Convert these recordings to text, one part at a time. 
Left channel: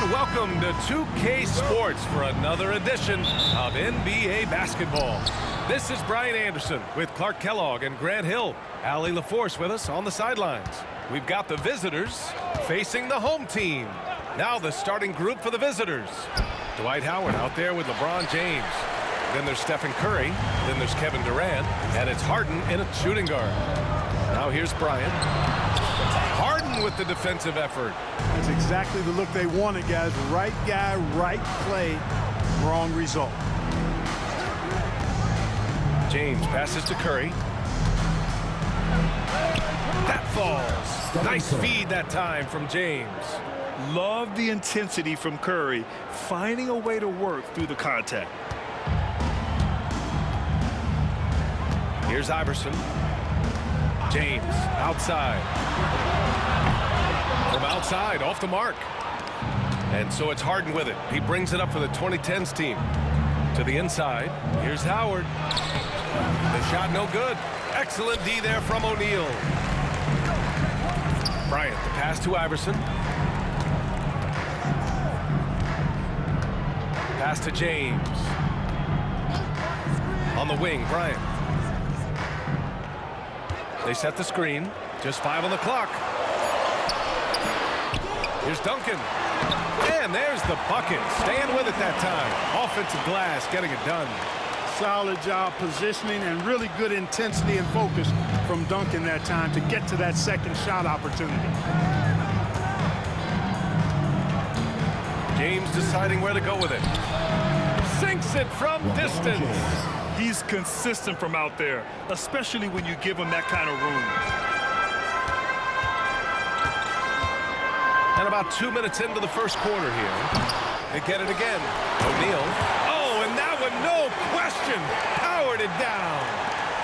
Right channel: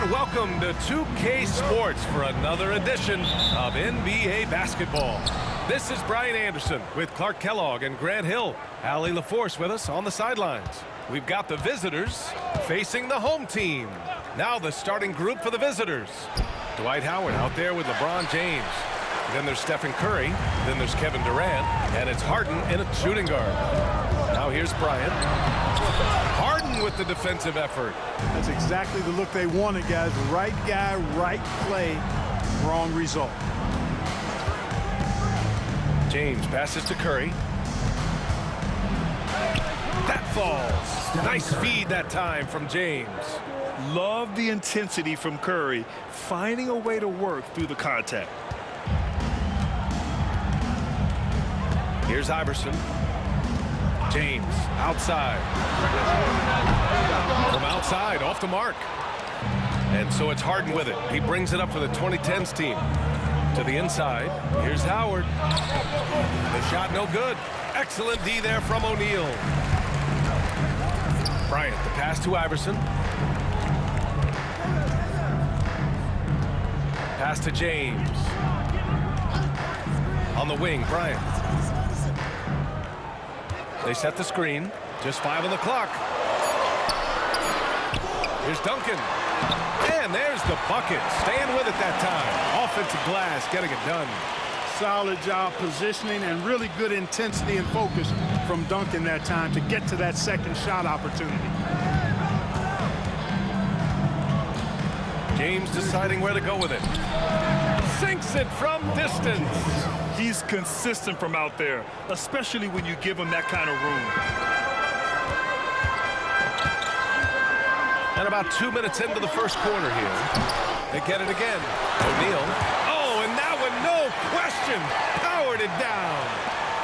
And welcome to 2K Sports for another edition of NBA basketball. This is Brian Anderson with Clark Kellogg and Grant Hill. Allie LaForce with us on the sidelines. We've got the visitors facing the home team. Now the starting group for the visitors. Dwight Howard out there with LeBron James. Then there's Stephen Curry. Then there's Kevin Durant. And it's Harden in a shooting guard. Now here's Bryant. Harden with the defensive effort. That's exactly the look they wanted, guys. Right guy, right play, wrong result. James passes to Curry. That falls. Nice feed that time from James. Love the intensity from Curry, finding a way to work through the contact. Here's Iverson. James outside. From outside, off the mark. And so it's Harden with it. He brings it up for the 2010'S team. To the inside. Here's Howard. The shot no good. Excellent D there from O'Neal. Bryant, the pass to Iverson. Pass to James. On the wing, Bryant. They set the screen. Just 5 on the clock. Here's Duncan. And there's the bucket. Staying with it that time. Offensive glass, getting it done. Solid job positioning and really good intensity and focus from Duncan that time to get to that second shot opportunity. James deciding where to go with it. Sinks it from distance. He's consistent from out there, especially when you give him that kind of room. And about 2 minutes into the first quarter here. They get it again. O'Neal. Oh, and that one, no question, powered it down.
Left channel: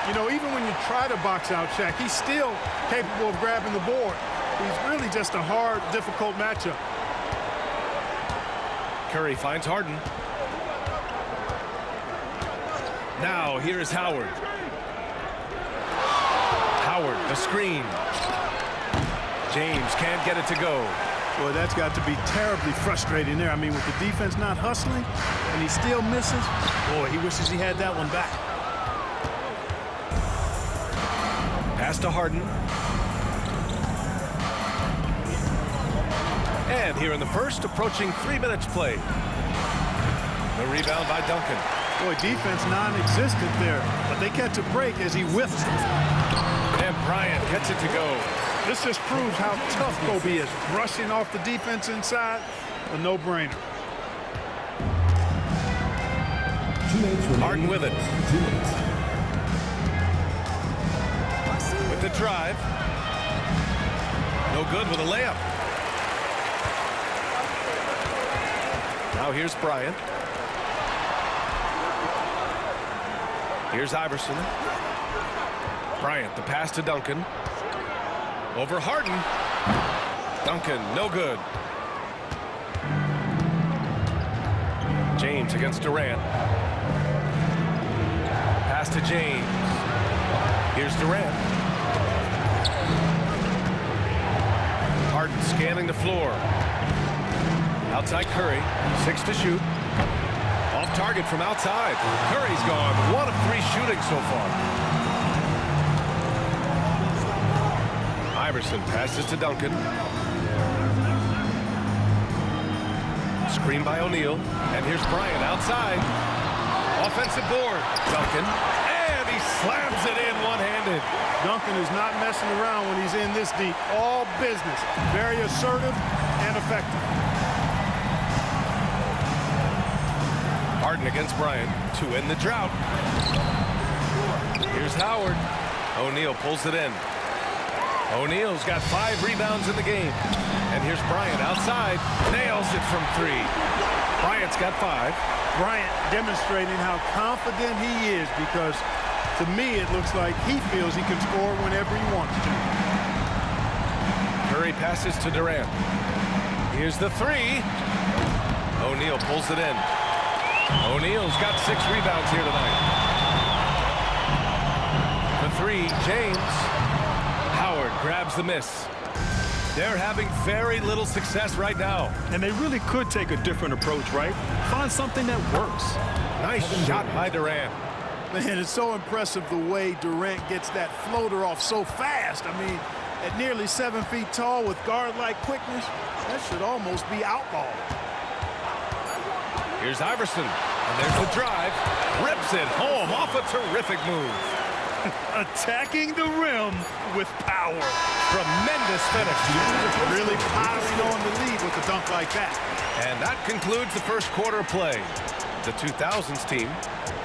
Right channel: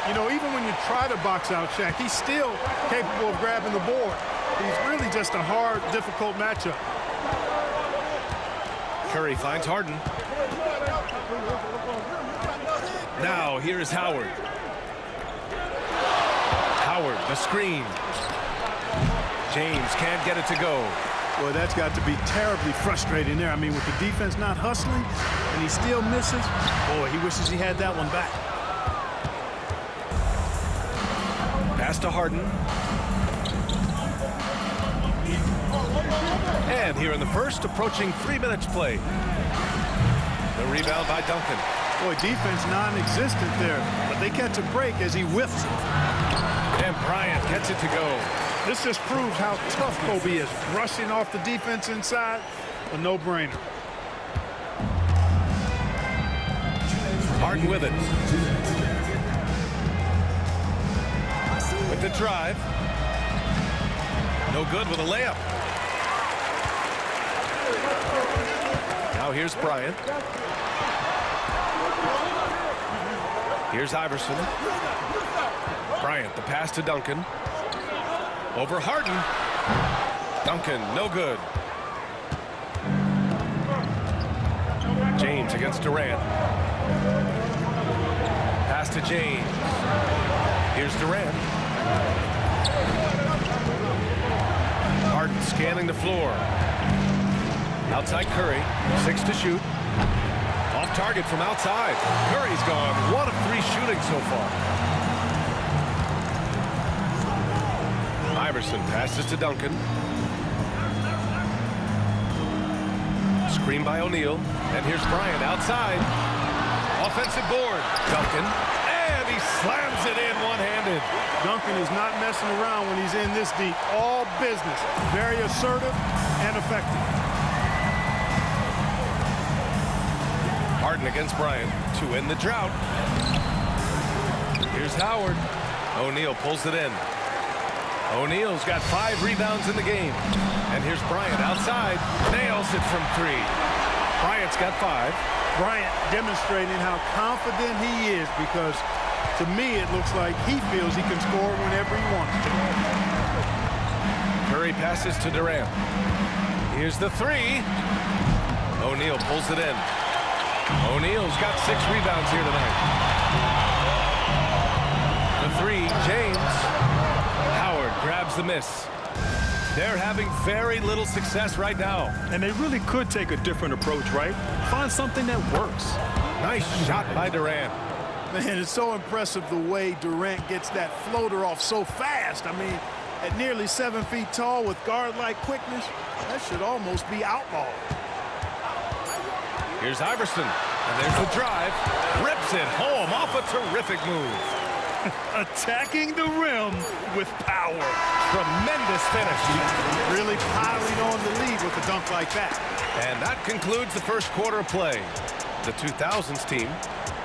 You know, even when you try to box out Shaq, he's still capable of grabbing the board. He's really just a hard, difficult matchup. Curry finds Harden. Now, here's Howard. Howard, the screen. James can't get it to go. Boy, that's got to be terribly frustrating there. I mean, with the defense not hustling and he still misses, boy, he wishes he had that one back. Pass to Harden. And here in the first, approaching 3 minutes play. The rebound by Duncan. Boy, defense non-existent there, but they catch a break as he whiffs it. And Bryant gets it to go. This just proves how tough Kobe is. Brushing off the defense inside, a no-brainer. Harden with it. With the drive. No good with a layup. Now here's Bryant. Here's Iverson. Bryant, the pass to Duncan. Over Harden. Duncan, no good. James against Durant. Pass to James. Here's Durant. Harden scanning the floor. Outside Curry. 6 to shoot. Off target from outside. Curry's gone 1 of 3 shooting so far. Iverson passes to Duncan. Screen by O'Neal. And here's Bryant outside. Offensive board. Duncan. And he slams it in one-handed. Duncan is not messing around when he's in this deep. All business. Very assertive and effective. Harden against Bryant to end the drought. Here's Howard. O'Neal pulls it in. O'Neal's got 5 rebounds in the game. And here's Bryant outside. Nails it from 3. Bryant's got 5. Bryant demonstrating how confident he is because, to me, it looks like he feels he can score whenever he wants to. Curry passes to Durant. Here's the 3. O'Neal pulls it in. O'Neal's got 6 rebounds here tonight. The 3, James. Howard grabs the miss. They're having very little success right now. And they really could take a different approach, right? Find something that works. Nice shot by Durant. Man, it's so impressive the way Durant gets that floater off so fast. I mean, at nearly 7 feet tall with guard-like quickness, that should almost be outlawed. Here's Iverson, and there's the drive. Rips it home off a terrific move. Attacking the rim with power. Tremendous finish. Really piling on the lead with a dunk like that. And that concludes the first quarter of play. The 2000's team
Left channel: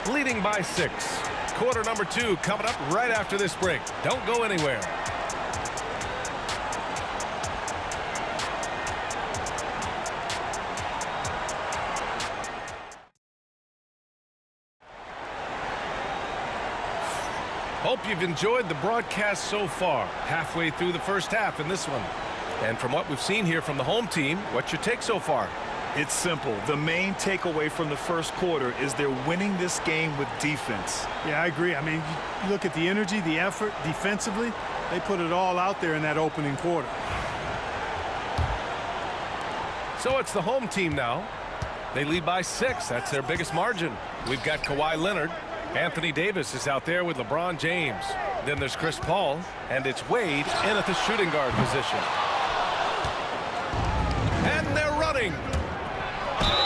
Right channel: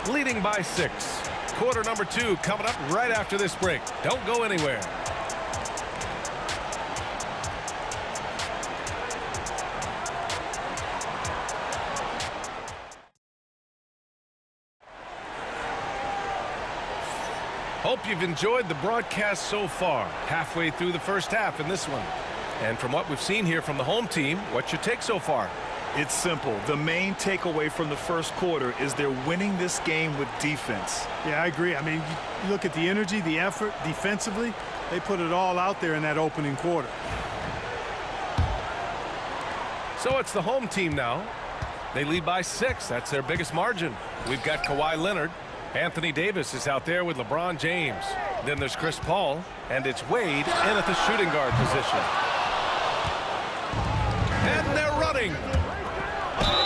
leading by 6. Quarter number 2 coming up right after this break. Don't go anywhere. Hope you've enjoyed the broadcast so far. Halfway through the first half in this one. And from what we've seen here from the home team, what's your take so far? It's simple. The main takeaway from the first quarter is they're winning this game with defense. Yeah, I agree. I mean, you look at the energy, the effort, defensively, they put it all out there in that opening quarter. So it's the home team now. They lead by 6. That's their biggest margin. We've got Kawhi Leonard. Anthony Davis is out there with LeBron James. Then there's Chris Paul, and it's Wade in at the shooting guard position. And they're running.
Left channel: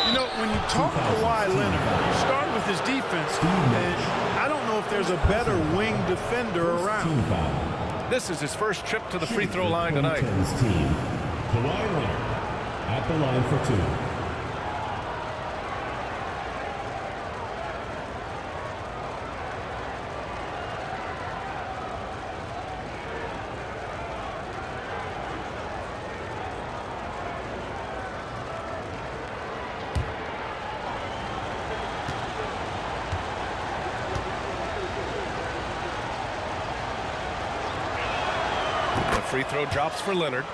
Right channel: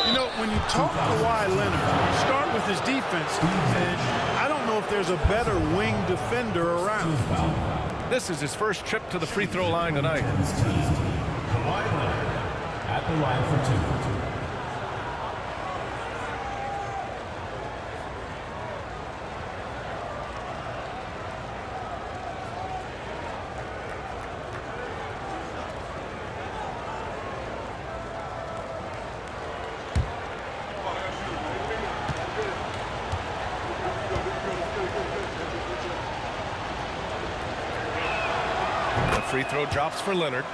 You know, when you talk Kawhi Leonard, you start with his defense, and I don't know if there's a better wing defender around. This is his first trip to the free throw line tonight. Kawhi Leonard at the line for 2. Free throw drops for Leonard.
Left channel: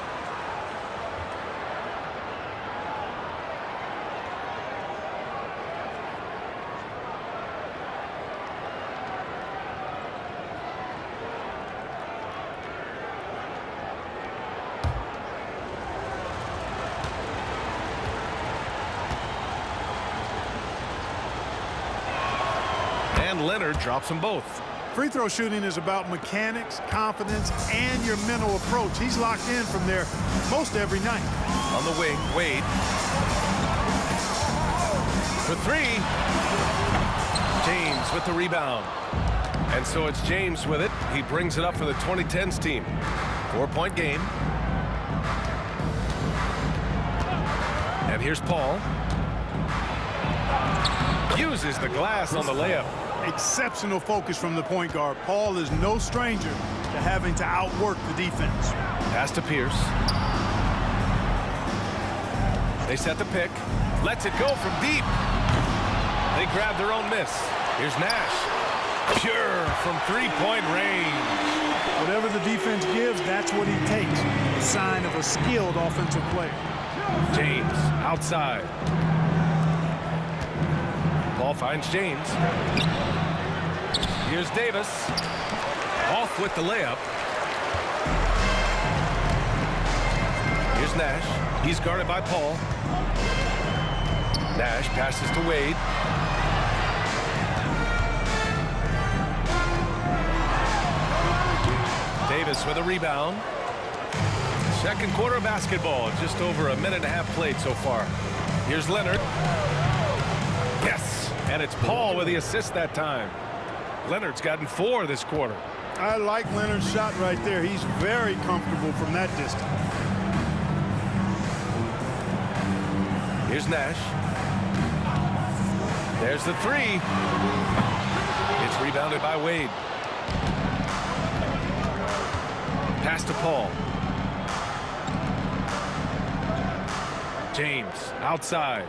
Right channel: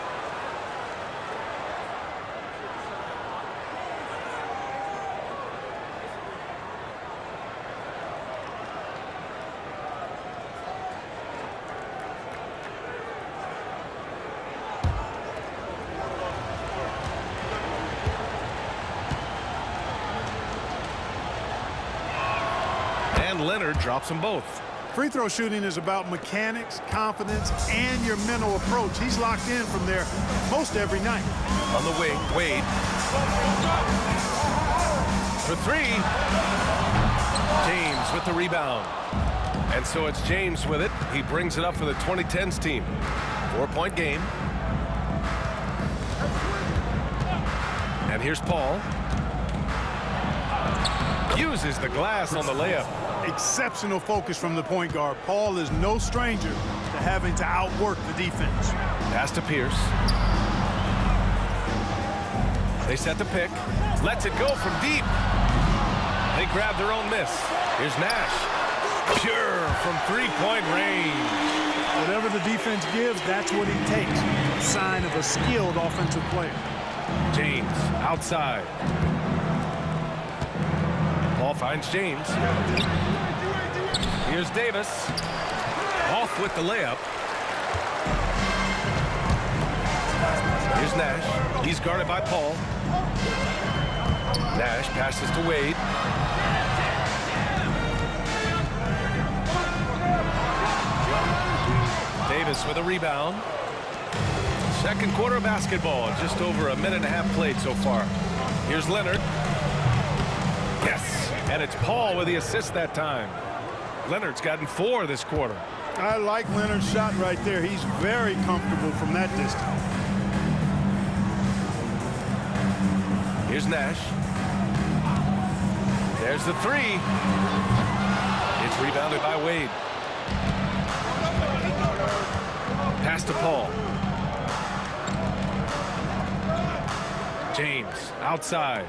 And Leonard drops them both. Free throw shooting is about mechanics, confidence, and your mental approach. He's locked in from there most every night. On the wing, Wade. For 3. James with the rebound. And so it's James with it. He brings it up for the 2010's team. 4-point game. And here's Paul. Uses the glass on the layup. Exceptional focus from the point guard. Paul is no stranger to having to outwork the defense. Pass to Pierce. They set the pick. Lets it go from deep. They grab their own miss. Here's Nash. Pure from 3-point range. Whatever the defense gives, that's what he takes. A sign of a skilled offensive player. James outside. Paul finds James. Here's Davis. Off with the layup. Here's Nash. He's guarded by Paul. Nash passes to Wade. Davis with a rebound. Second quarter of basketball. Just over a minute and a half played so far. Here's Leonard. Yes, and it's Paul with the assist that time. Leonard's gotten 4 this quarter. I like Leonard's shot right there. He's very comfortable from that distance. Here's Nash. There's the 3. It's rebounded by Wade. Pass to Paul. James outside.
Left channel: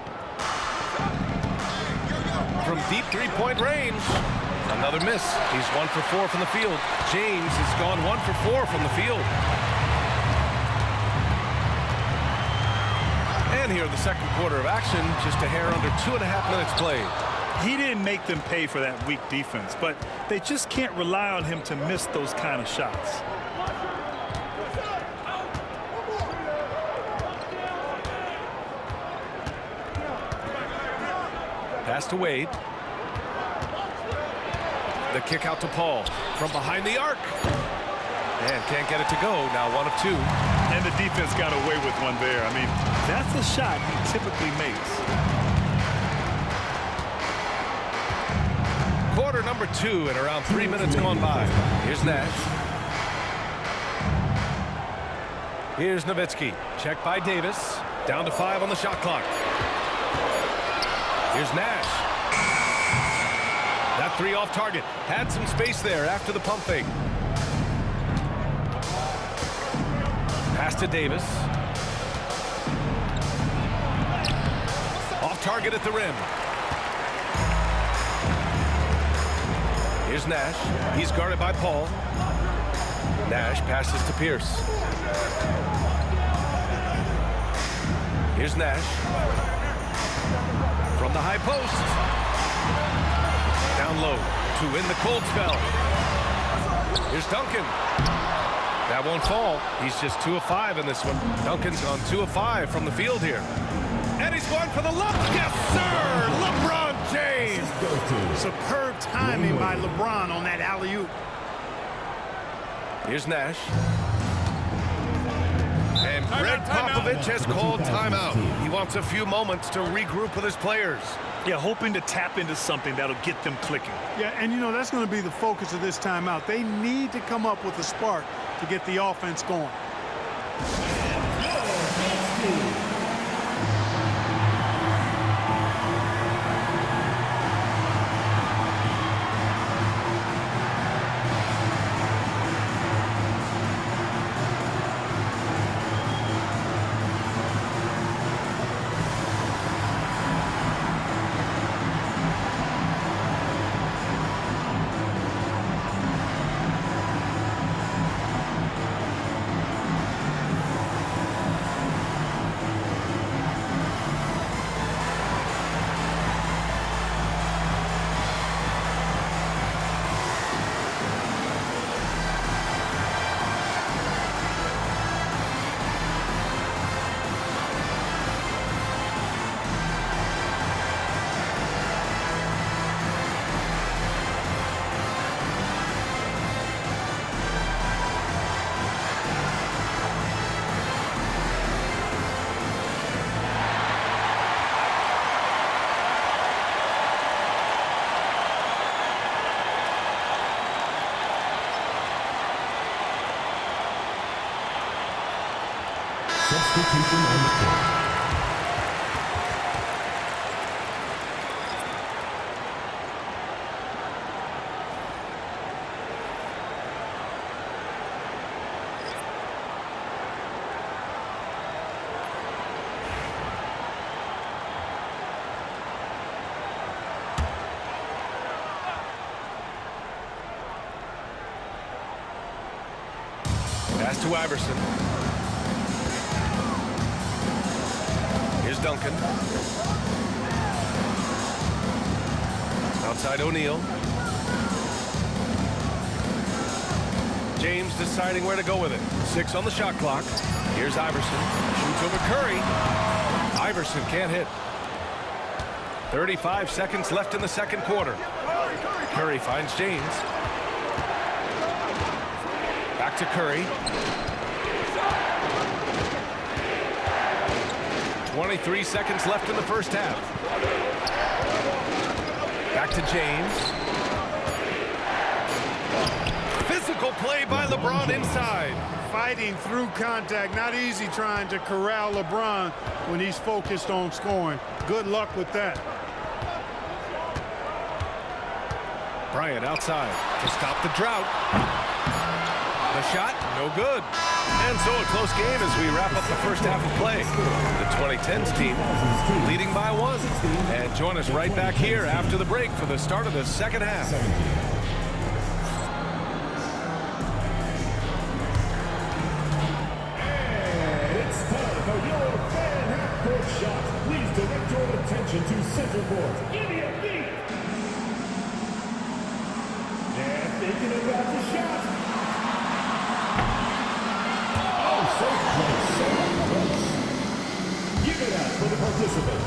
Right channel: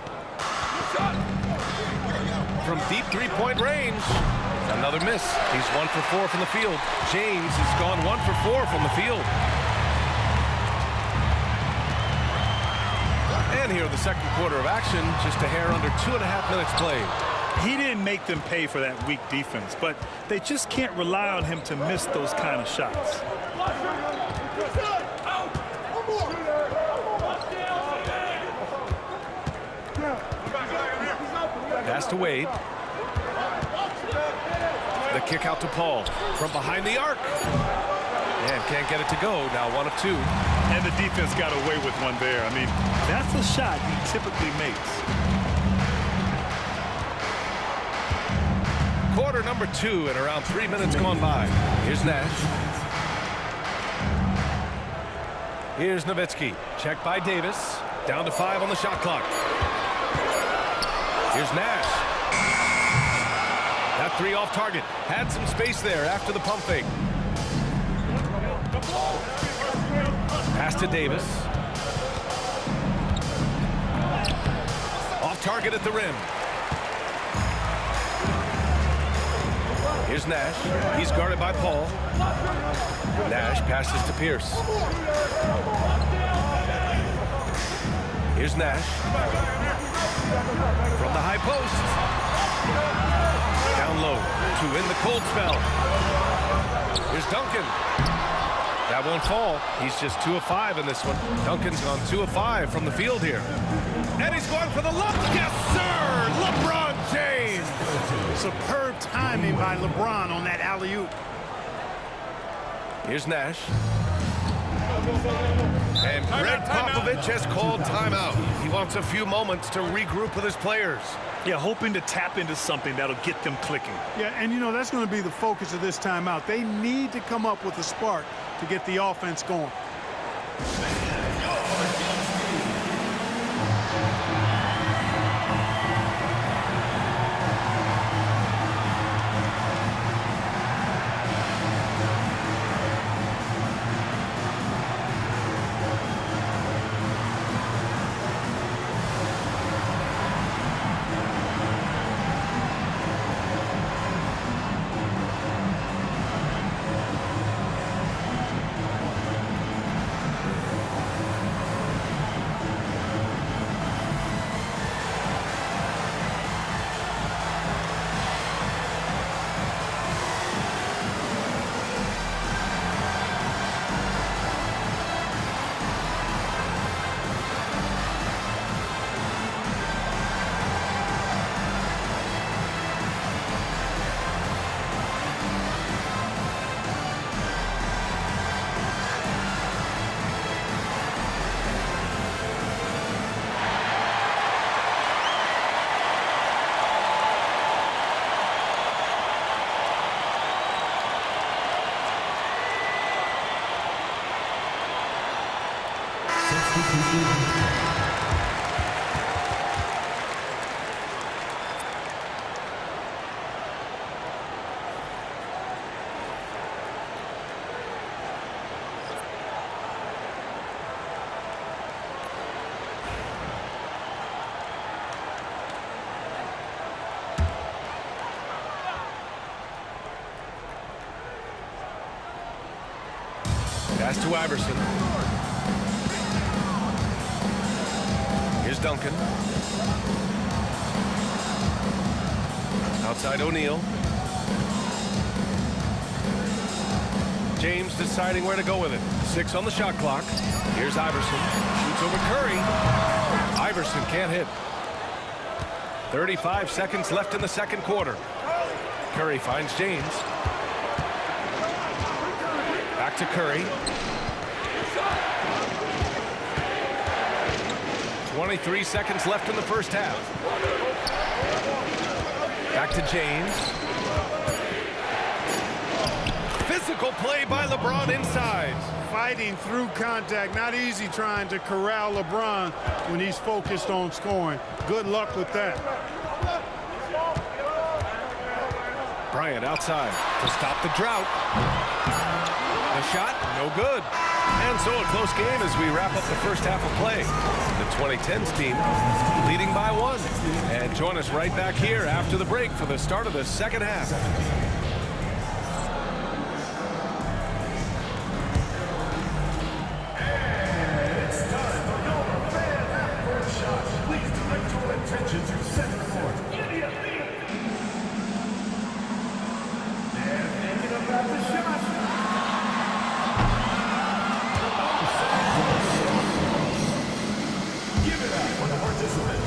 From deep 3-point range. Another miss. He's 1 for 4 from the field. James has gone 1 for 4 from the field. And here the second quarter of action, just a hair under 2.5 minutes played. He didn't make them pay for that weak defense, but they just can't rely on him to miss those kind of shots. Pass to Wade. The kick out to Paul from behind the arc. And can't get it to go. Now 1 of 2. And the defense got away with one there. I mean, that's a shot he typically makes. Quarter number 2 and around 3 minutes gone by. Here's Nash. Here's Nowitzki. Checked by Davis. Down to 5 on the shot clock. Here's Nash. That 3 off target. Had some space there after the pump fake. Pass to Davis. Off target at the rim. Here's Nash. He's guarded by Paul. Nash passes to Pierce. Here's Nash. From the high post. Down low to win the cold spell. Here's Duncan. That won't fall. He's just 2 of 5 in this one. Duncan's gone 2 of 5 from the field here. And he's going for the look. Yes, sir! LeBron James! Superb timing by LeBron on that alley-oop. Here's Nash. And Greg Popovich has called timeout. He wants a few moments to regroup with his players. Yeah, hoping to tap into something that'll get them clicking. Yeah, and you know, that's going to be the focus of this timeout. They need to come up with a spark to get the offense going. Substitution on the court. Pass to Iverson. Here's Duncan. Outside O'Neal. James deciding where to go with it. 6 on the shot clock. Here's Iverson. Shoots over Curry. Iverson can't hit. 35 seconds left in the second quarter. Curry finds James. Back to Curry. 23 seconds left in the first half. Back to James. Physical play by LeBron inside. Fighting through contact. Not easy trying to corral LeBron when he's focused on scoring. Good luck with that. Bryant outside to stop the drought. The shot, no good. And so a close game as we wrap up the first half of play. The 2010's team leading by 1. And join us right back here after the break for the start of the second half. And it's time for your fan half-court shot. Please direct your attention to center court. Give me a beat. They're thinking about the shot. Give it up for the participant.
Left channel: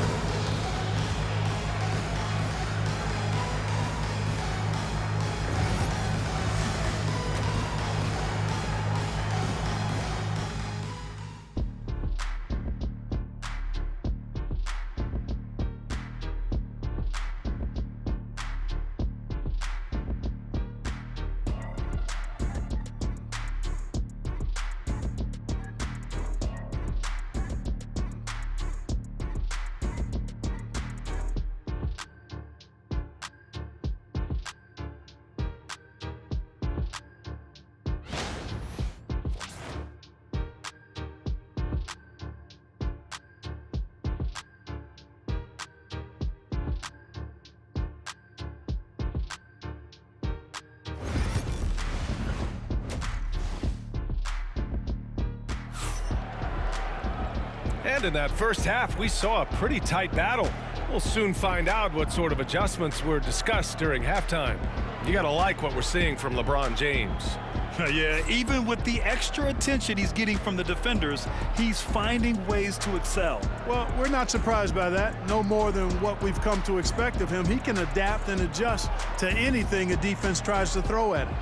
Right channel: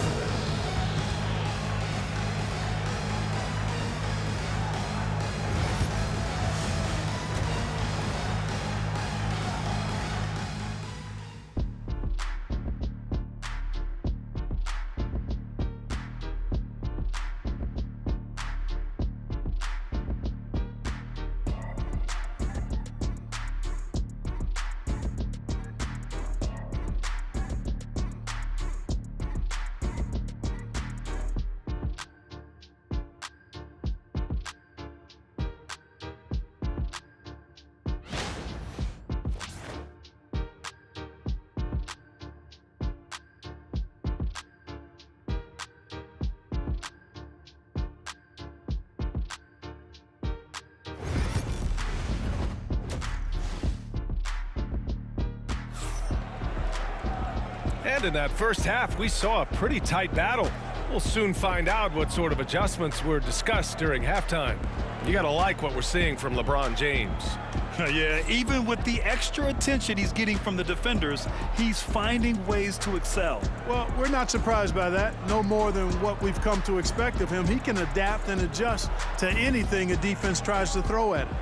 And in that first half, we saw a pretty tight battle. We'll soon find out what sort of adjustments were discussed during halftime. You gotta like what we're seeing from LeBron James. Yeah, even with the extra attention he's getting from the defenders, he's finding ways to excel. Well, we're not surprised by that. No more than what we've come to expect of him. He can adapt and adjust to anything a defense tries to throw at him.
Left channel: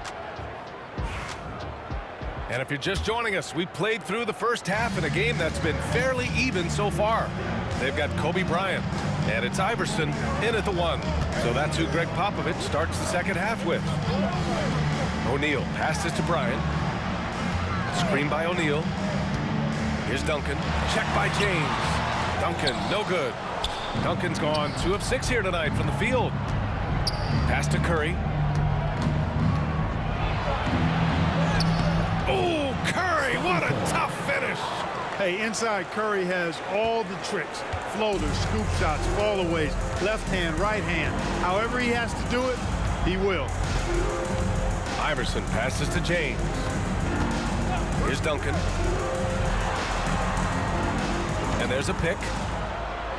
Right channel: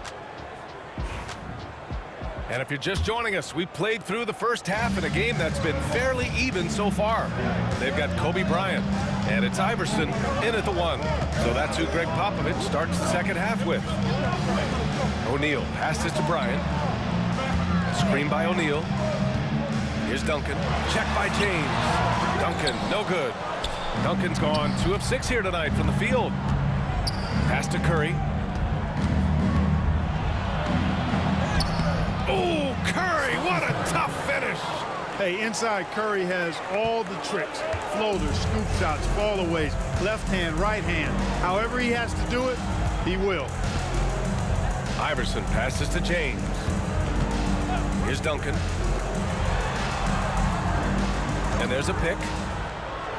And if you're just joining us, we played through the first half in a game that's been fairly even so far. They've got Kobe Bryant, and it's Iverson in at the 1. So that's who Greg Popovich starts the second half with. O'Neal passes to Bryant. Screen by O'Neal. Here's Duncan. Check by James. Duncan, no good. Duncan's gone 2 of 6 here tonight from the field. Pass to Curry. Oh, Curry, what a tough finish. Hey, inside Curry has all the tricks. Floaters, scoop shots, fallaways, left hand, right hand. However he has to do it, he will. Iverson passes to James. Here's Duncan. And there's a pick.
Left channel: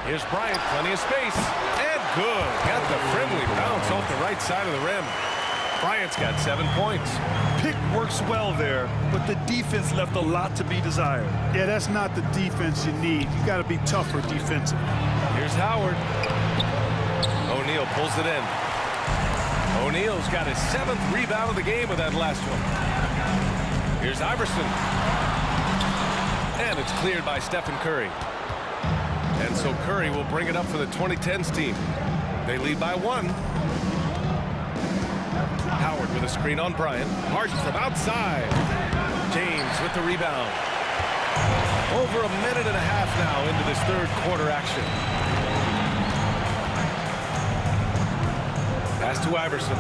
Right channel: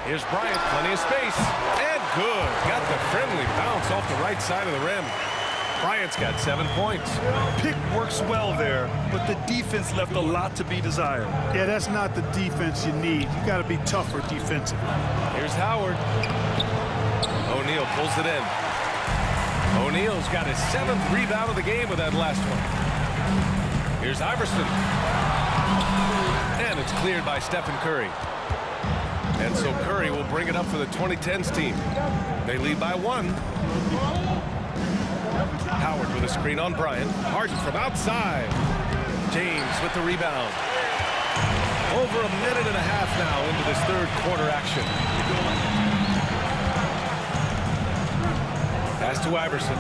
Here's Bryant, plenty of space. And good. Got the friendly bounce off the right side of the rim. Bryant's got 7 points. Pick works well there, but the defense left a lot to be desired. Yeah, that's not the defense you need. You got to be tougher defensively. Here's Howard. O'Neal pulls it in. O'Neal's got his 7th rebound of the game with that last one. Here's Iverson. And it's cleared by Stephen Curry. And so Curry will bring it up for the 2010's team. They lead by 1. Howard with a screen on Bryant. Harden from outside. James with the rebound. Over a minute and a half now into this third quarter action. Pass to Iverson.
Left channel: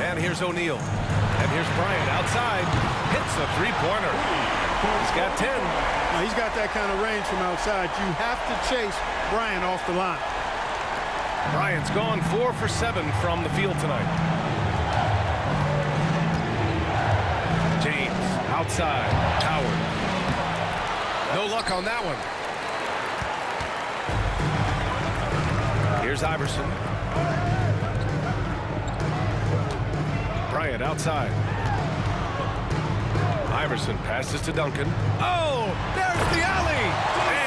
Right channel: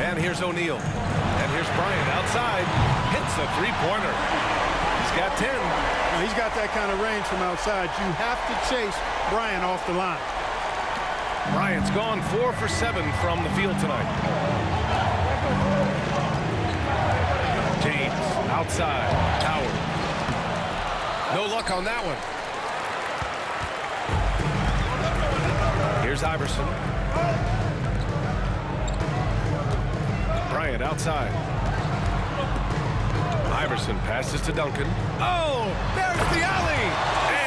And here's O'Neal. And here's Bryant outside. Hits a three-pointer. He's got 10. Now, he's got that kind of range from outside. You have to chase Bryant off the line. Bryant's gone 4 for 7 from the field tonight. James outside. Howard. No luck on that one. Here's Iverson. Bryant outside. Iverson passes to Duncan. Oh, there's the alley!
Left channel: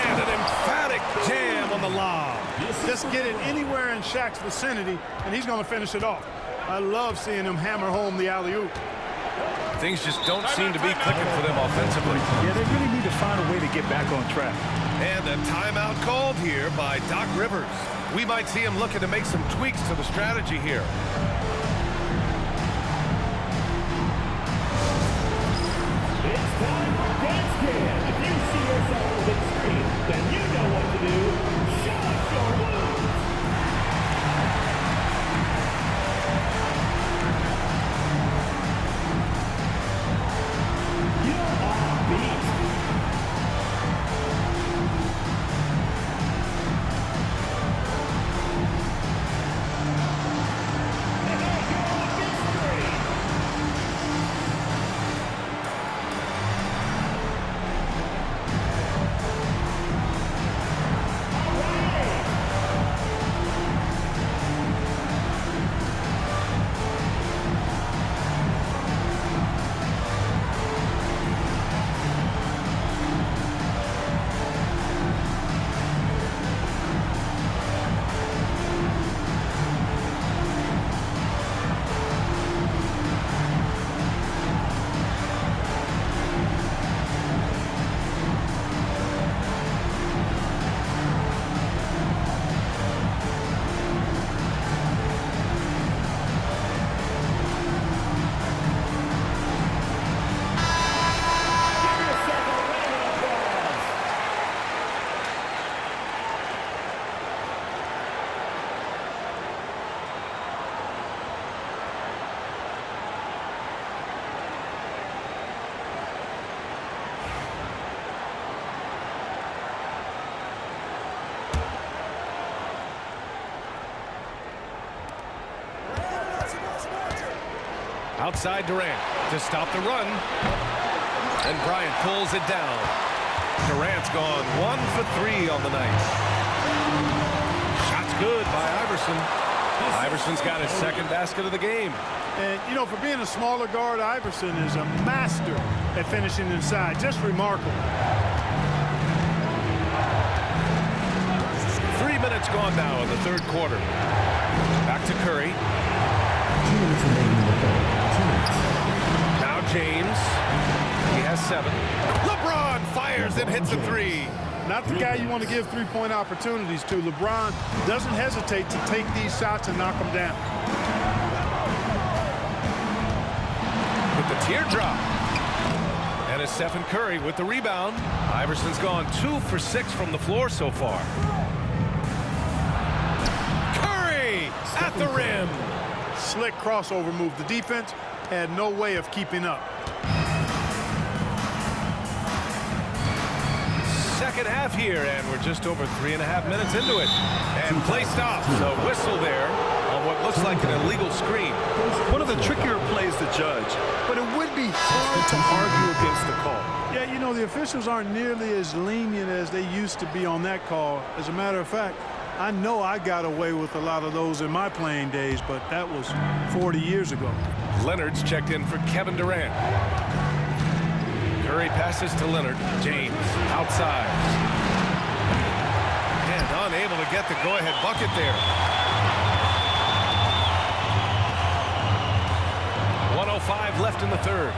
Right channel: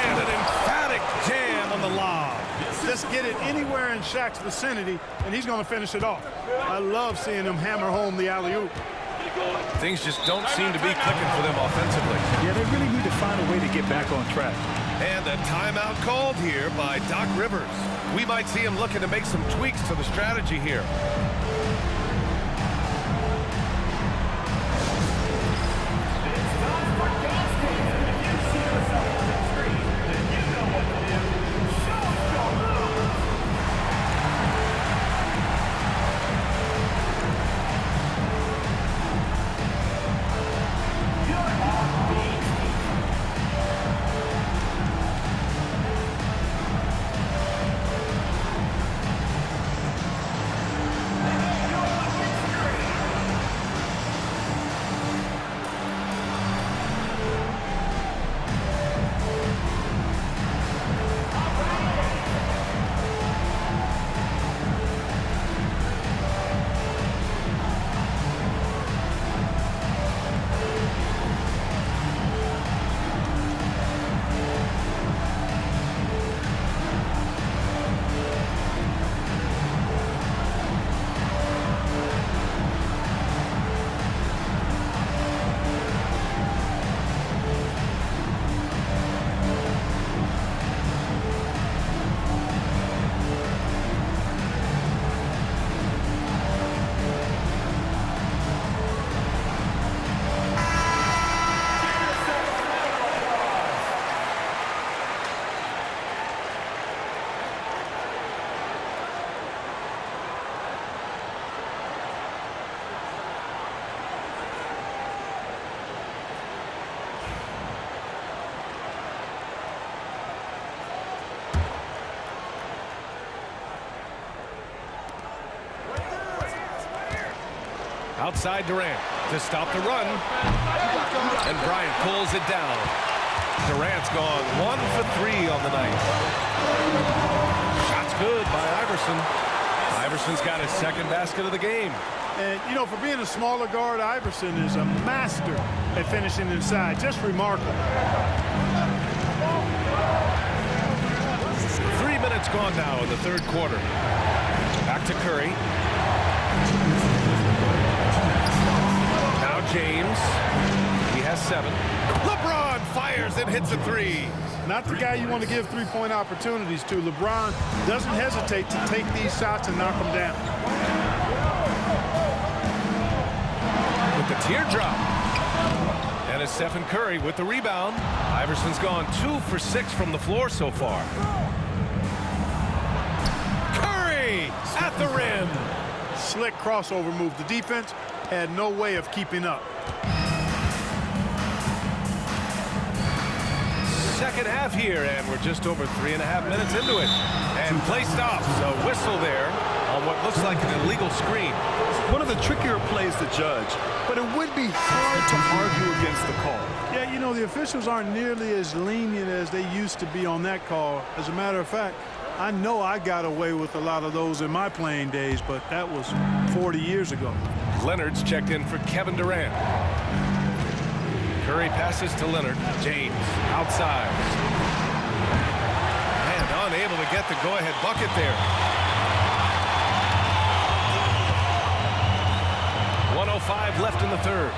And an emphatic jam on the lob. Just get it anywhere in Shaq's vicinity, and he's going to finish it off. I love seeing him hammer home the alley-oop. Things just don't seem to be clicking for them offensively. Yeah, they really need to find a way to get back on track. And a timeout called here by Doc Rivers. We might see him looking to make some tweaks to the strategy here. Outside Durant to stop the run. And Bryant pulls it down. Durant's gone 1 for 3 on the night. Shot's good by Iverson. Iverson's got his second basket of the game. And, you know, for being a smaller guard, Iverson is a master at finishing inside. Just remarkable. 3 minutes gone now in the third quarter. Back to Curry. Now James. He has 7. LeBron fires and hits a 3. Not the guy you want to give three-point opportunities to. LeBron doesn't hesitate to take these shots and knock them down. With the teardrop. And it's Stephen Curry with the rebound. Iverson's gone 2 for 6 from the floor so far. Curry at the rim. Slick crossover move. The defense had no way of keeping up. Second half here, and we're just over 3.5 minutes into it. And play stops. A whistle there on what looks like an illegal screen. One of the trickier plays to judge, but it would be hard to argue against the call. Yeah, you know, the officials aren't nearly as lenient as they used to be on that call. As a matter of fact, I know I got away with a lot of those in my playing days, but that was 40 years ago. Leonard's checked in for Kevin Durant. Curry passes to Leonard. James outside. And unable to get the go-ahead bucket there. 1:05 left in the third.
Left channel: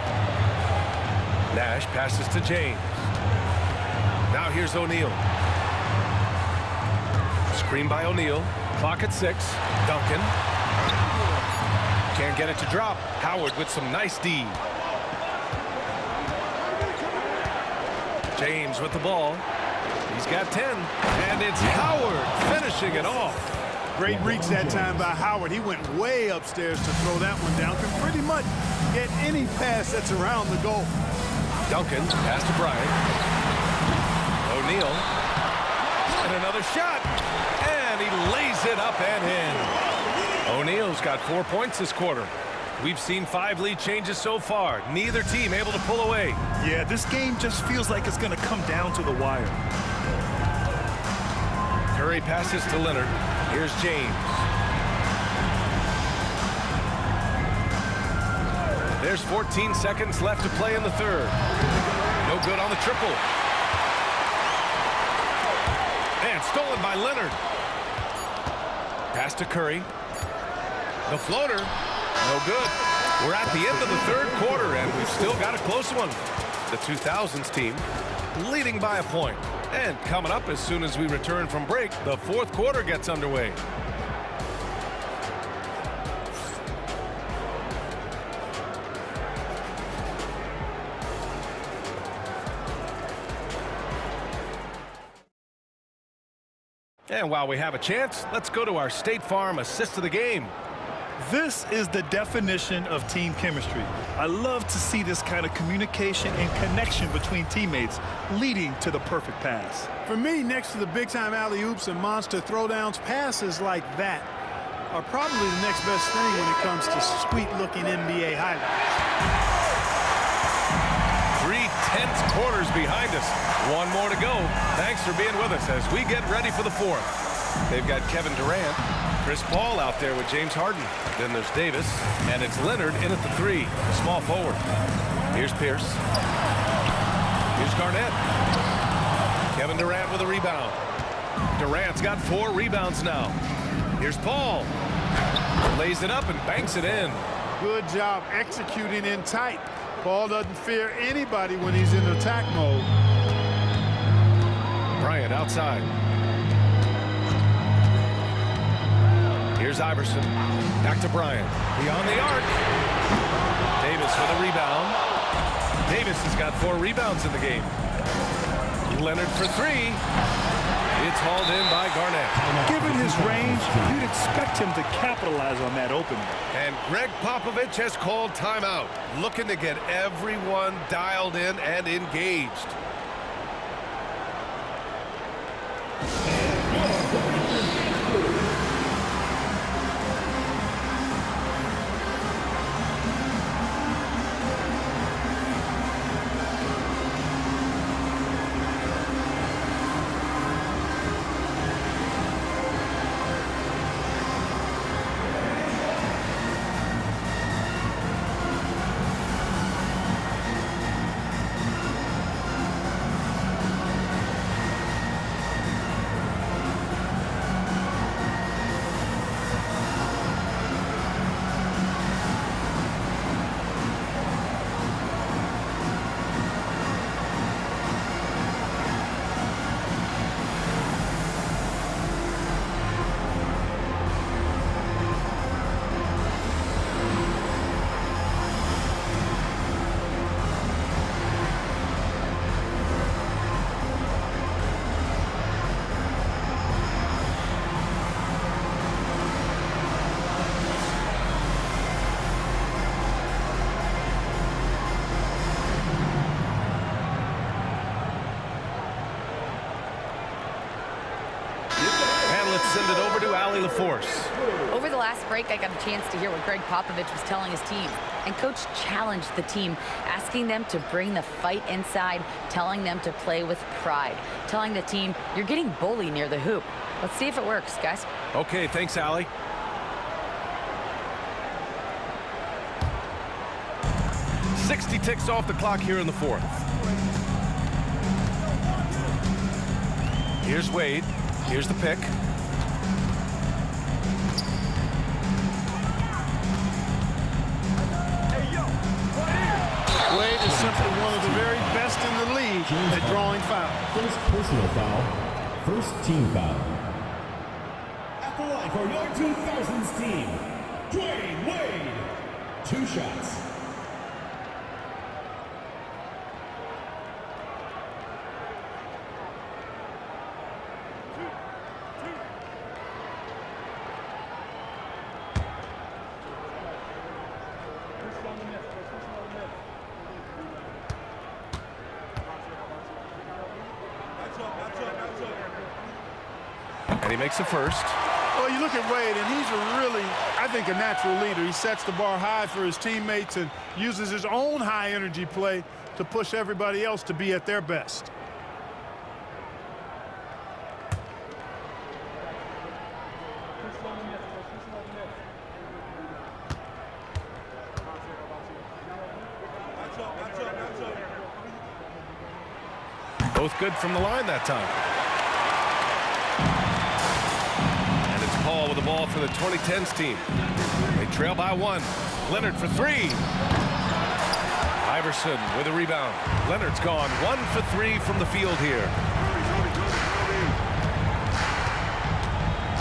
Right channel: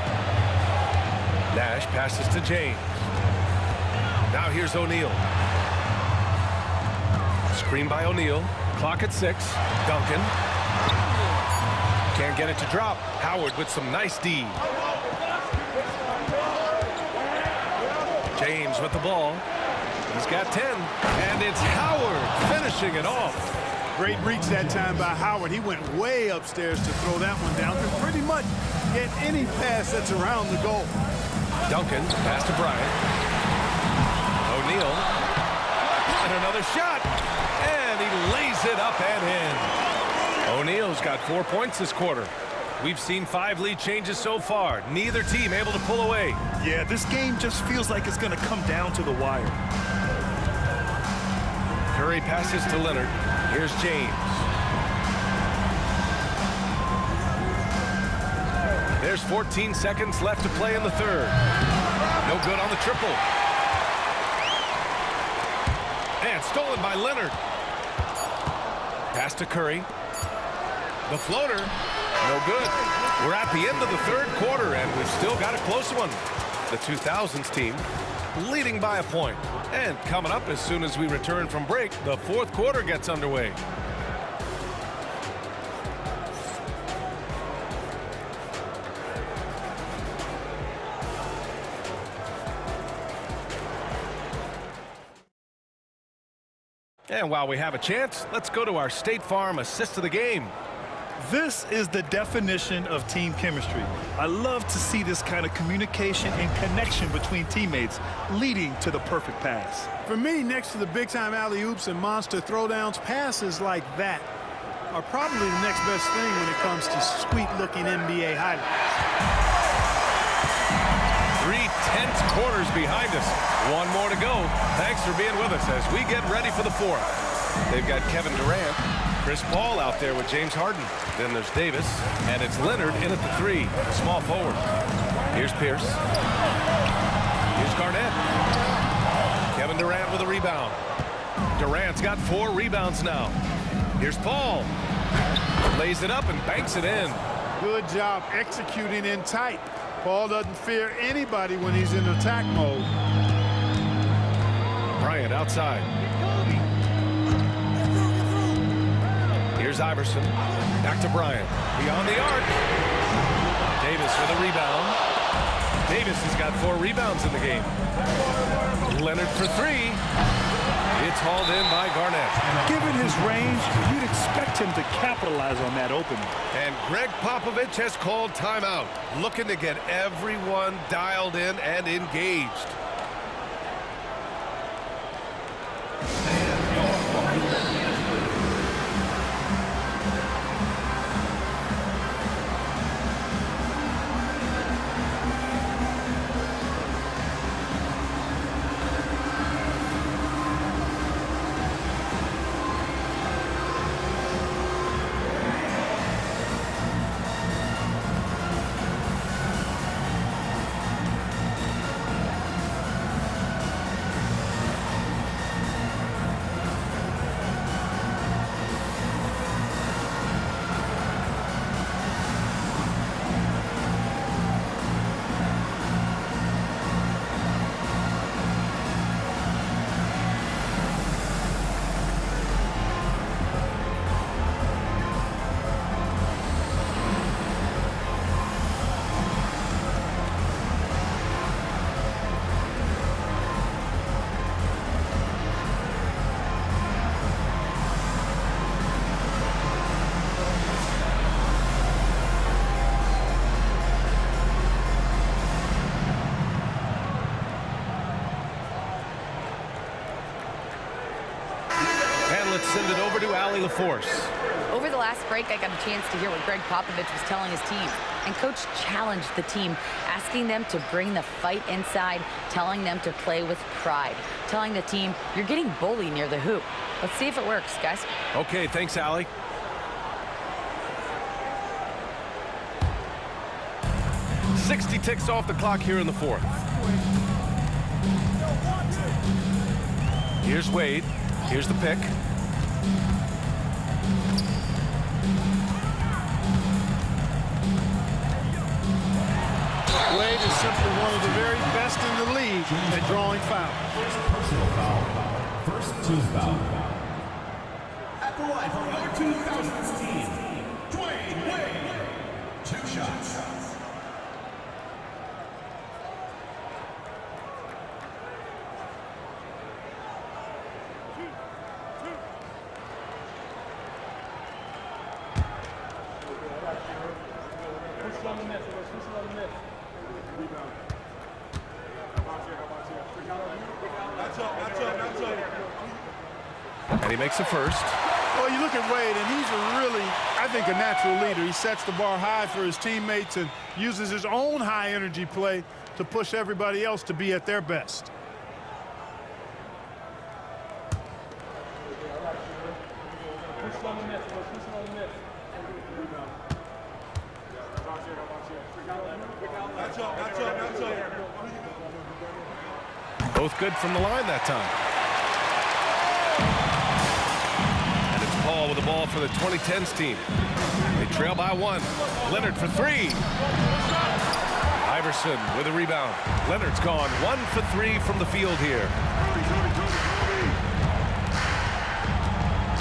Nash passes to James. Now here's O'Neal. Screen by O'Neal. Clock at 6. Duncan. Can't get it to drop. Howard with some nice D. James with the ball. He's got 10. And it's Howard finishing it off. Great reach that time by Howard. He went way upstairs to throw that one down. Can pretty much get any pass that's around the goal. Duncan pass to Bryant. O'Neal. And another shot. And he lays it up and in. O'Neal's got 4 points this quarter. We've seen 5 lead changes so far. Neither team able to pull away. Yeah, this game just feels like it's going to come down to the wire. Curry passes to Leonard. Here's James. There's 14 seconds left to play in the third. No good on the triple. And stolen by Leonard. Pass to Curry. The floater. No good. We're at the end of the third quarter, and we've still got a close one. The 2000's team leading by a point. And coming up as soon as we return from break, the fourth quarter gets underway. And while we have a chance, let's go to our State Farm assist of the game. This is the definition of team chemistry. I love to see this kind of communication and connection between teammates leading to the perfect pass. For me, next to the big-time alley-oops and monster throwdowns, passes like that are probably the next best thing when it comes to sweet-looking NBA highlights. 3 tense quarters behind us. One more to go. Thanks for being with us as we get ready for the fourth. They've got Kevin Durant, Chris Paul out there with James Harden. Then there's Davis, and it's Leonard in at the 3, small forward. Here's Pierce. Here's Garnett. Kevin Durant with a rebound. Durant's got 4 rebounds now. Here's Paul. Lays it up and banks it in. Good job executing in tight. Paul doesn't fear anybody when he's in attack mode. Bryant outside. Here's Iverson. Back to Bryant. Beyond the arc. Davis with a rebound. Davis has got 4 rebounds in the game. Leonard for 3. It's hauled in by Garnett. Given his range, you'd expect him to capitalize on that opening. And Greg Popovich has called timeout, looking to get everyone dialed in and engaged. let's send it over to Allie LaForce. Over the last break, I got a chance to hear what Greg Popovich was telling his team. And Coach challenged the team, asking them to bring the fight inside, telling them to play with pride, telling the team, you're getting bullied near the hoop. Let's see if it works, guys. Okay, thanks, Allie. "60 ticks off the clock here in the fourth. Here's Wade. Here's the pick. Wade is simply one of the very best in the league at drawing fouls. First personal foul, first team foul. At the line for your 2000's team, Dwayne Wade. 2 shots. And he makes the first. Well, you look at Wade, and he's really, I think, a natural leader. He sets the bar high for his teammates and uses his own high-energy play to push everybody else to be at their best. Both good from the line that time. And it's Paul with the ball for the 2010's team. They trail by 1. Leonard for 3. Iverson with a rebound. Leonard's gone 1 for 3 from the field here.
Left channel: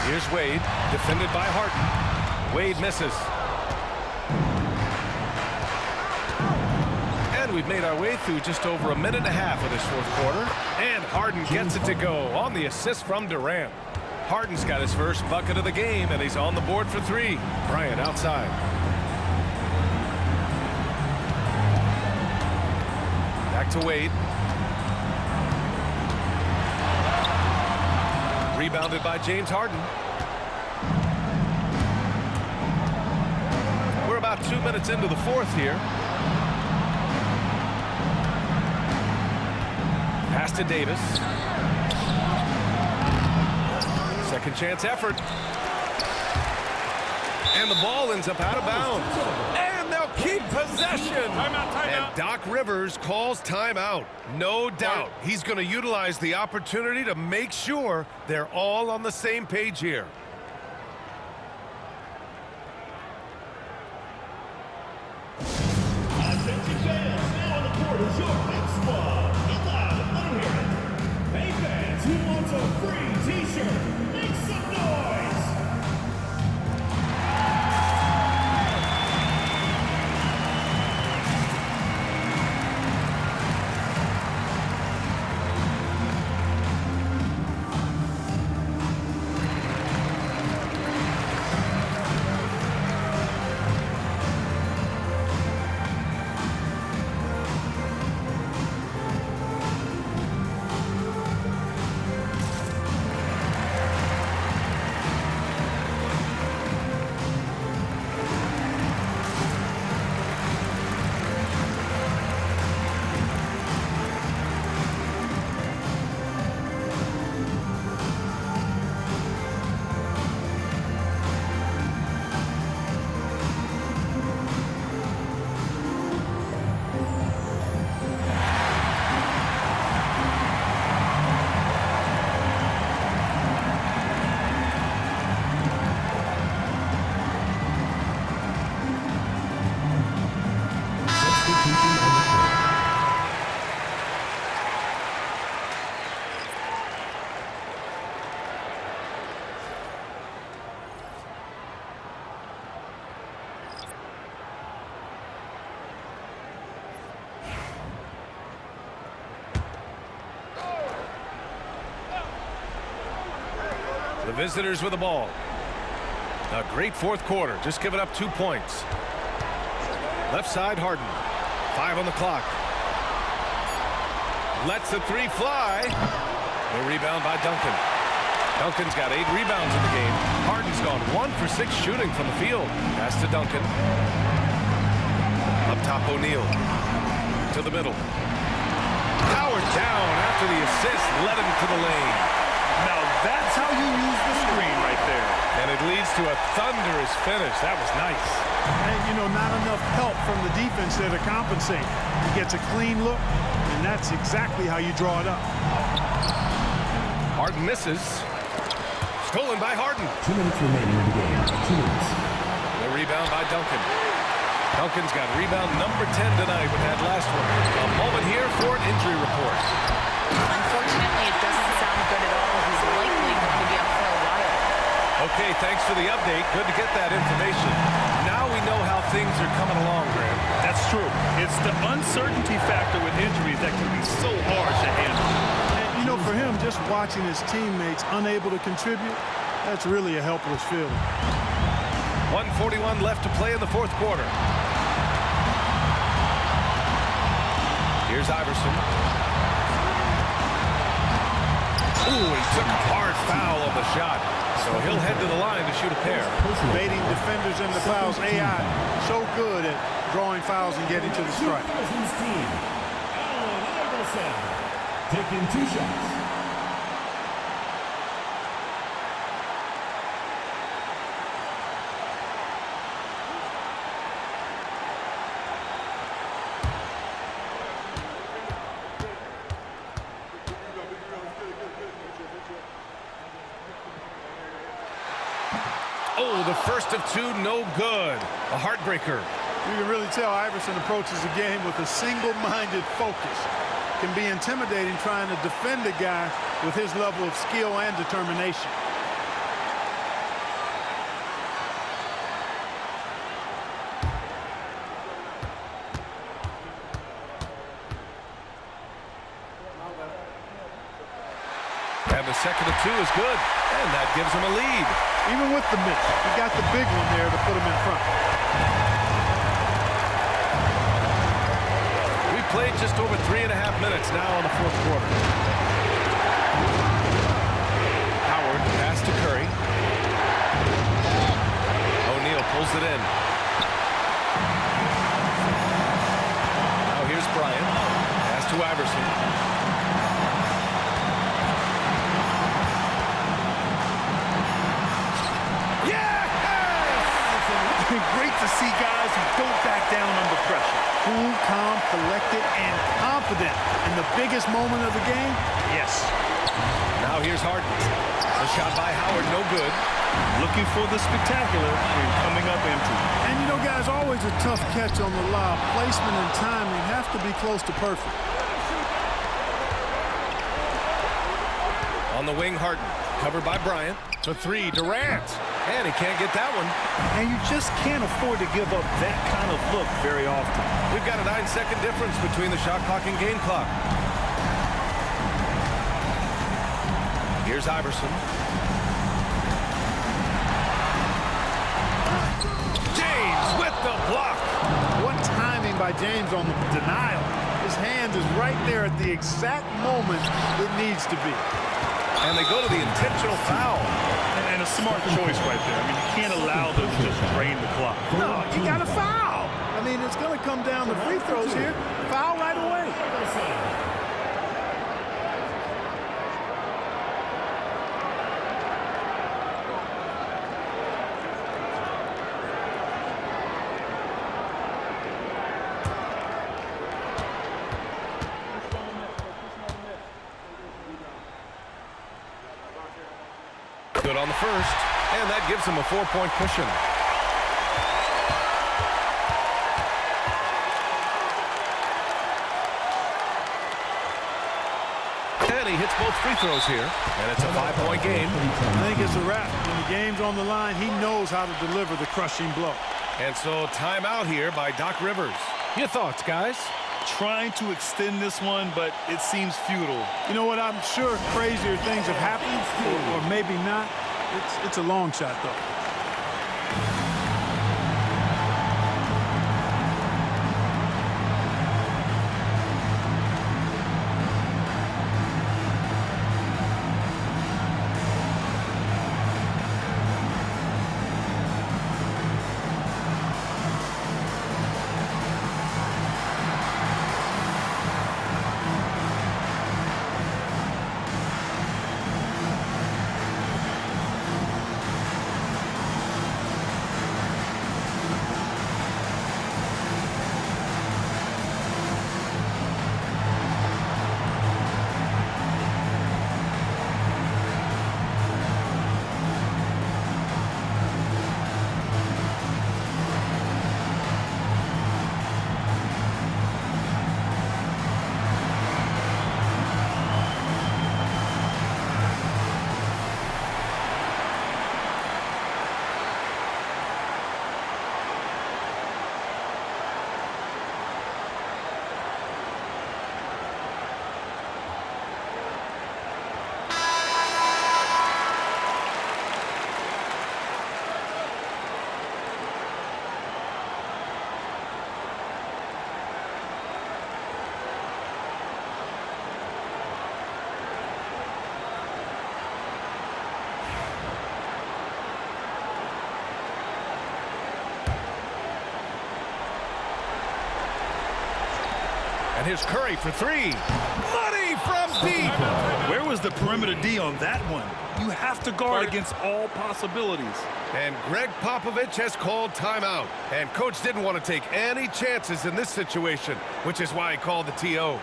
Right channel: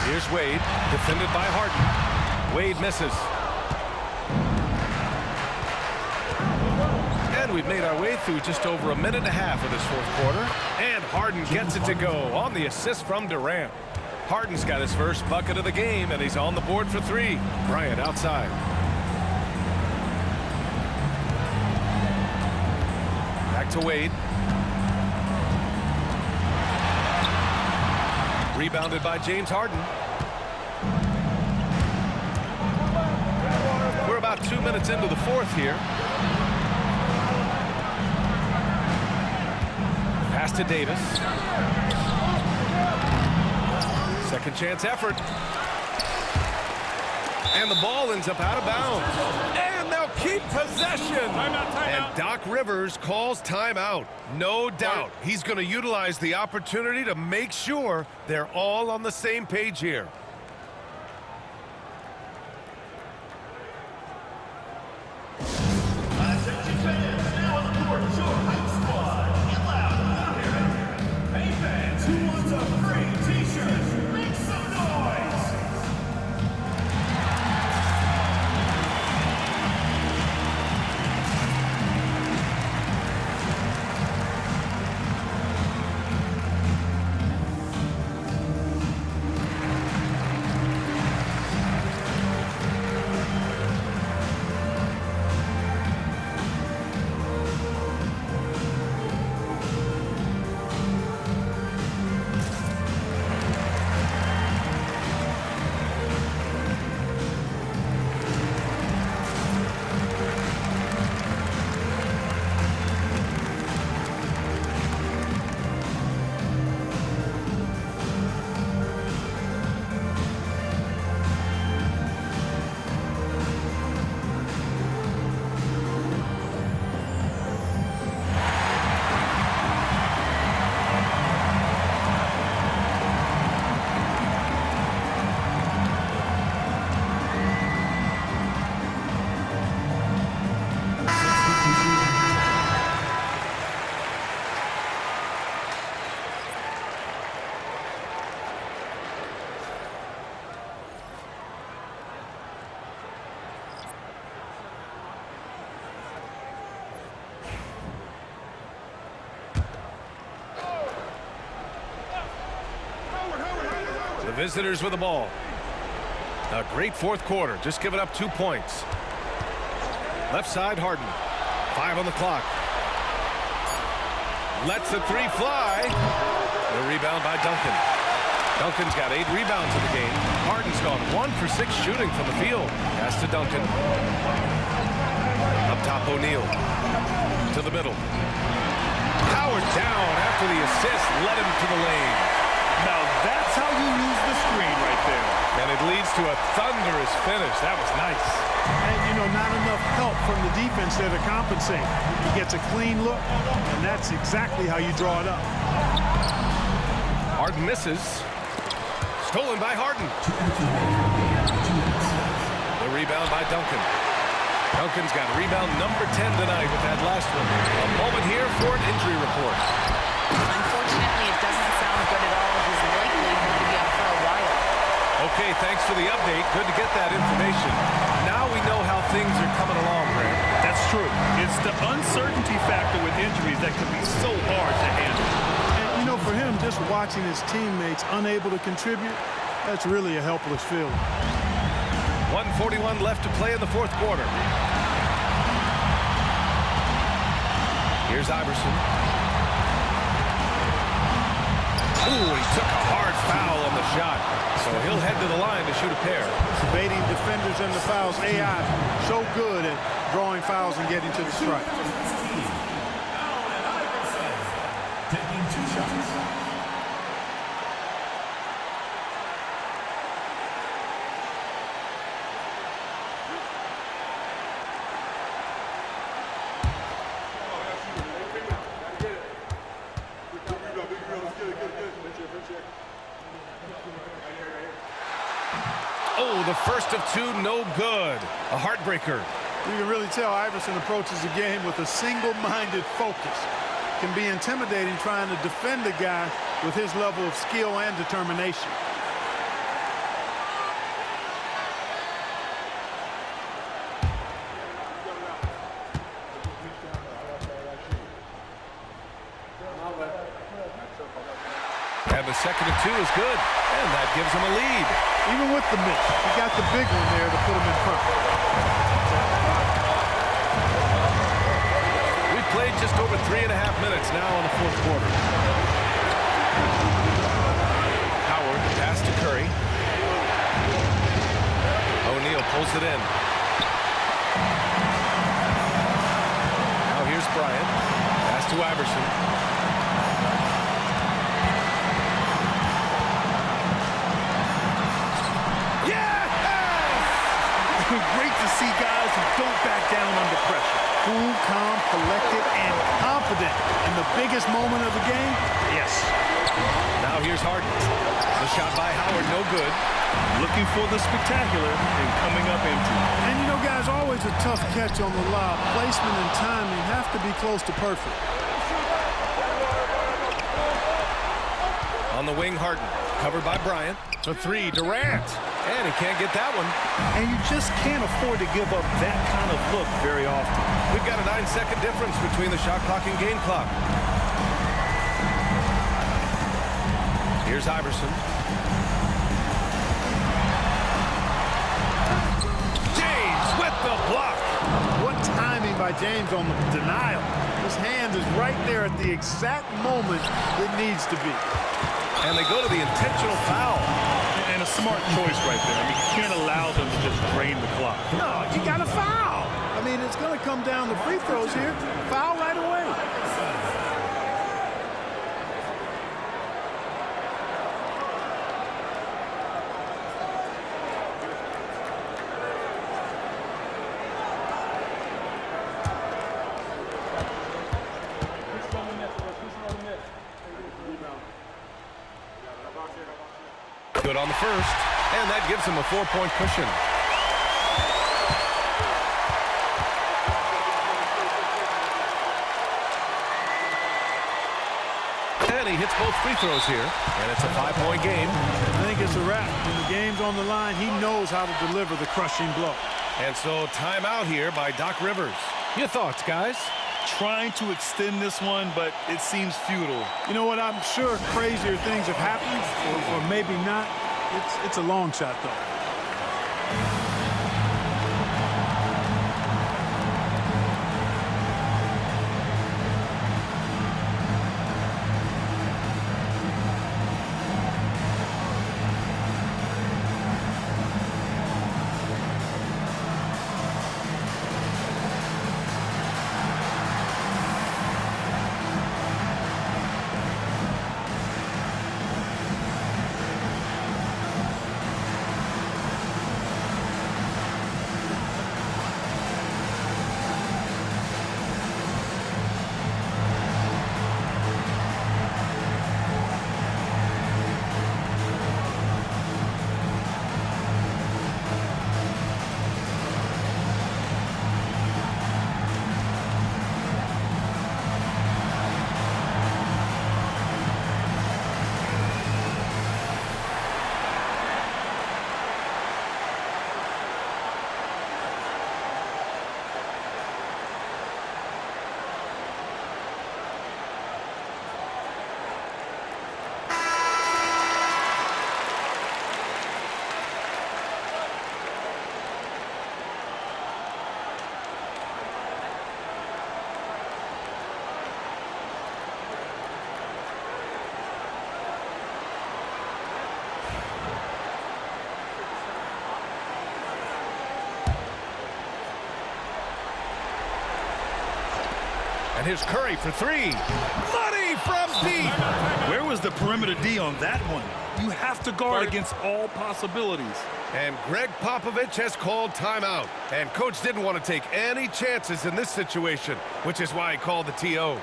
Here's Wade, defended by Harden. Wade misses. And we've made our way through just over a minute and a half of this fourth quarter. And Harden gets it to go on the assist from Durant. Harden's got his first bucket of the game, and he's on the board for 3. Bryant outside. Back to Wade. Rebounded by James Harden. We're about 2 minutes into the fourth here. Pass to Davis. Second chance effort. And the ball ends up out of bounds. And they'll keep possession. Timeout. And Doc Rivers calls timeout. No doubt he's going to utilize the opportunity to make sure they're all on the same page here. Attention fans, now on the court is your hype squad. Get loud, let 'em hear it. Hey fans, who wants a free t-shirt? Make some noise. The visitors with the ball. A great fourth quarter, just giving up 2 points. Left side, Harden. 5 on the clock. Lets the 3 fly. The rebound by Duncan. Duncan's got 8 rebounds in the game. Harden's gone 1 for 6 shooting from the field. Pass to Duncan. Up top, O'Neal. To the middle. Howard down after the assist led him to the lane. Now that's how you use the screen right there. And it leads to a thunderous finish. That was nice. And, you know, not enough help from the defense there to compensate. He gets a clean look, and that's exactly how you draw it up. Harden misses. Stolen by Harden. 2 minutes remaining in the game. 2 minutes. The rebound by Duncan. Duncan's got rebound number 10 tonight with that last one. A moment here for an injury report. Unfortunately, it doesn't sound good at all. He's likely going to be out for a while. Okay, thanks for the update. Good to get that information. Now we know how things are coming along, Graham. That's true. It's the uncertainty factor with injuries that can be so hard to handle. And, you know, for him, just watching his teammates unable to contribute, that's really a helpless feeling. 1:41 left to play in the fourth quarter. Here's Iverson. Ooh, he took a hard foul on the shot. So he'll head to the line to shoot a pair. Baiting defenders into fouls. AI so good at drawing fouls and getting to the strike. 2000'S team. Allen Iverson taking 2 shots. Oh, the first of 2, no good. A heartbreaker. You can really tell Iverson approaches the game with a single-minded focus. Can be intimidating trying to defend a guy with his level of skill and determination. And the second of 2 is good. And that gives him a lead. Even with the miss, he got the big one there to put him in front. We've played just over 3.5 minutes now in the fourth quarter. Howard, pass to Curry. O'Neal pulls it in. Now here's Bryant. Pass to Iverson. Great to see guys who don't back down under pressure. Cool, calm, collected, and confident in the biggest moment of the game. Yes. Now here's Harden. The shot by Howard, no good. Looking for the spectacular and coming up empty. And you know, guys, always a tough catch on the lob. Placement and timing have to be close to perfect. On the wing, Harden. Covered by Bryant. For 3, Durant. And he can't get that one. And you just can't afford to give up that kind of look very often. We've got a 9-second difference between the shot clock and game clock. Here's Iverson. James with the block. What timing by James on the denial. His hand is right there at the exact moment it needs to be. And they go to the intentional foul. And a smart choice right there. I mean, you can't allow them to just drain the clock. No, you got to foul. I mean, it's going to come down to free throws here. Foul right away. Good on the first, and that gives him a 4-point cushion. And he hits both free throws here, and it's a 5-point game. I think it's a wrap. When the game's on the line, he knows how to deliver the crushing blow. And so timeout here by Doc Rivers. Your thoughts, guys? Trying to extend this one, but it seems futile. You know what? I'm sure crazier things have happened, or maybe not. It's a long shot, though. And here's Curry for three. Money from deep. Where was the perimeter D on that one? You have to guard against all possibilities. And Greg Popovich has called timeout. And coach didn't want to take any chances in this situation, which is why he called the TO. All right,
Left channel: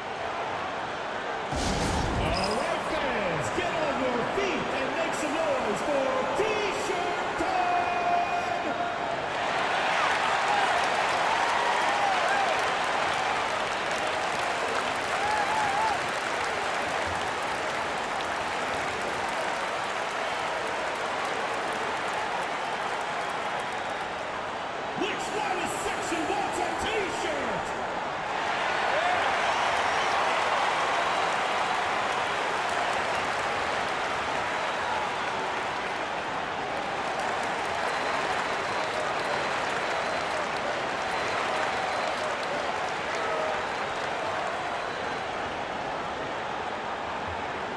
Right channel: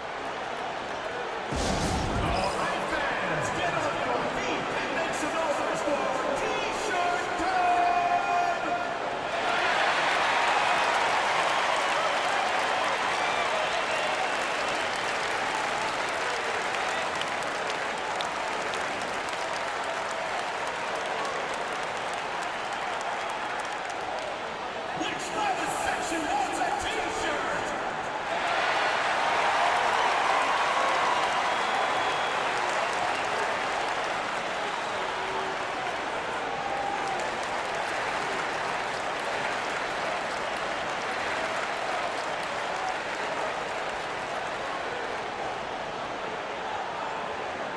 fans, get on your feet and make some noise for T-shirt time! Which riders section wants a T-shirt?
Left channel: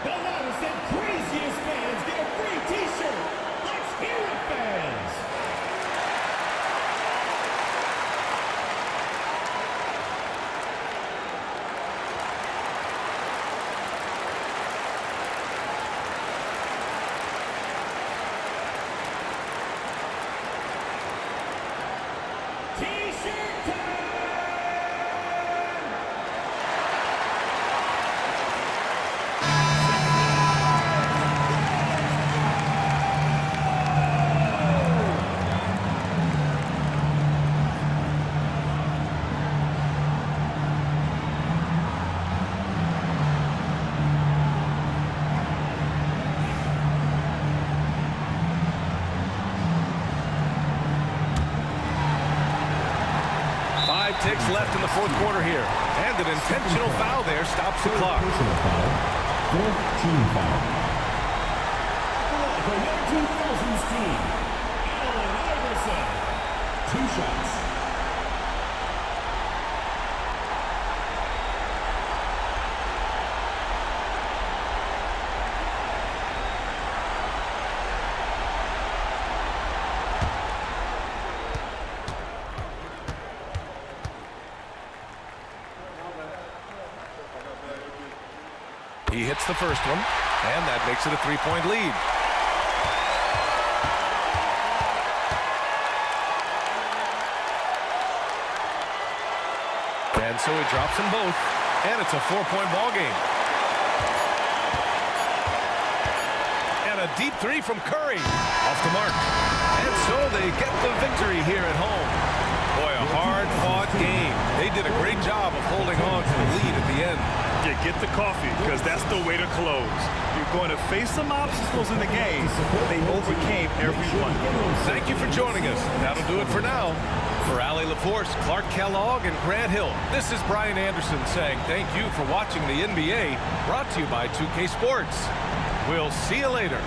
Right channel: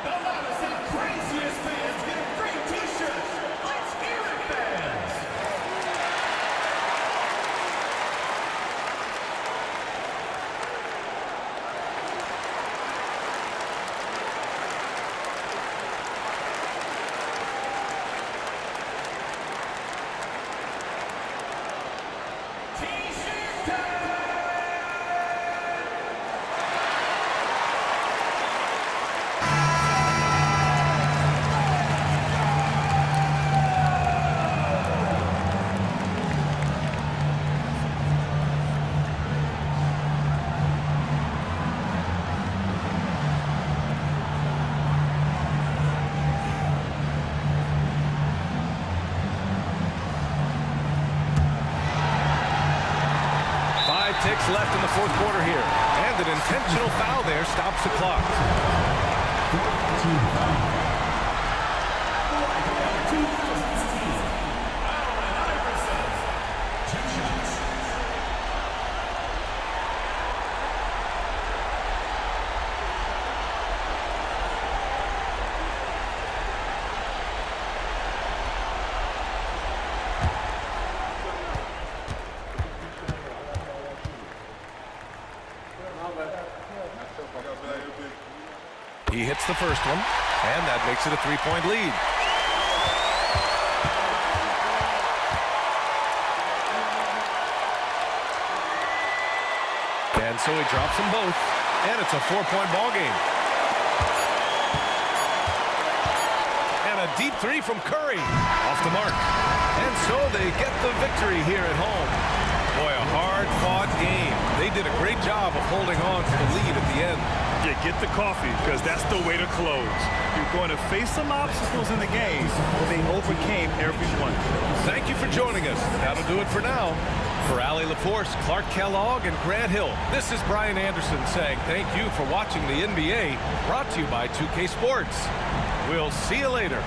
The loudest and craziest fans get a free T-shirt. Let's hear it, fans! T-shirt time! Five ticks left in the fourth quarter here. And an intentional foul there stops the clock. Fourth team foul. For our 2000'S team, Allen Iverson. 2 shots. He hits the first one, and that makes it a 3-point lead. And so he drops them both, and it's a 4-point ball game. And a deep three from Curry, off the mark. And so they get the victory here at home. Boy, a hard-fought game. They did a great job of holding on to the lead at the end. Yeah, get the coffee, because that's the way to close. You're going to face some obstacles in the game, but they overcame every one. Thank you for joining us. That'll do it for now. For Allie LaForce, Clark Kellogg, and Grant Hill, this is Brian Anderson saying thank you for watching the NBA, brought to you by 2K Sports. We'll see you later.